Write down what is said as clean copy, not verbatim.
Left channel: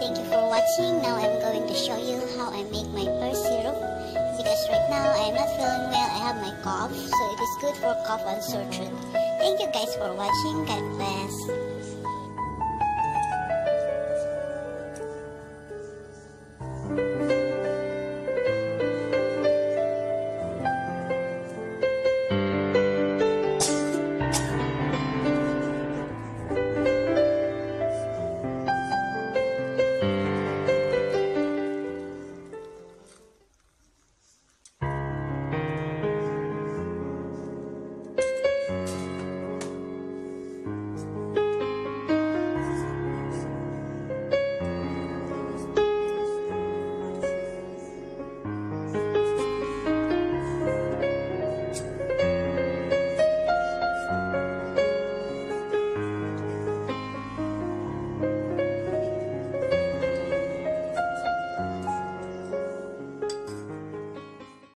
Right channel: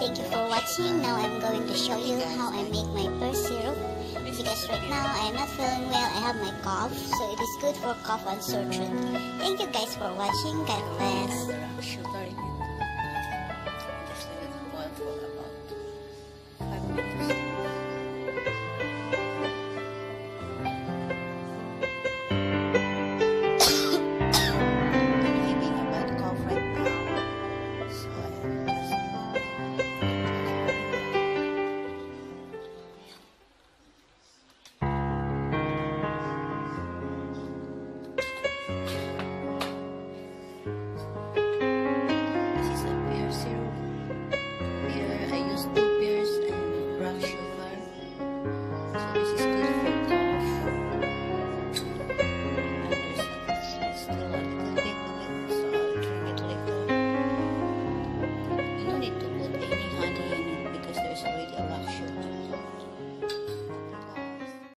Thank you for watching. Now I'm going to show you how I make my pear syrup, because right now I am not feeling well. I have my cough, so it is good for cough and sore throat. Thank you guys for watching. God bless.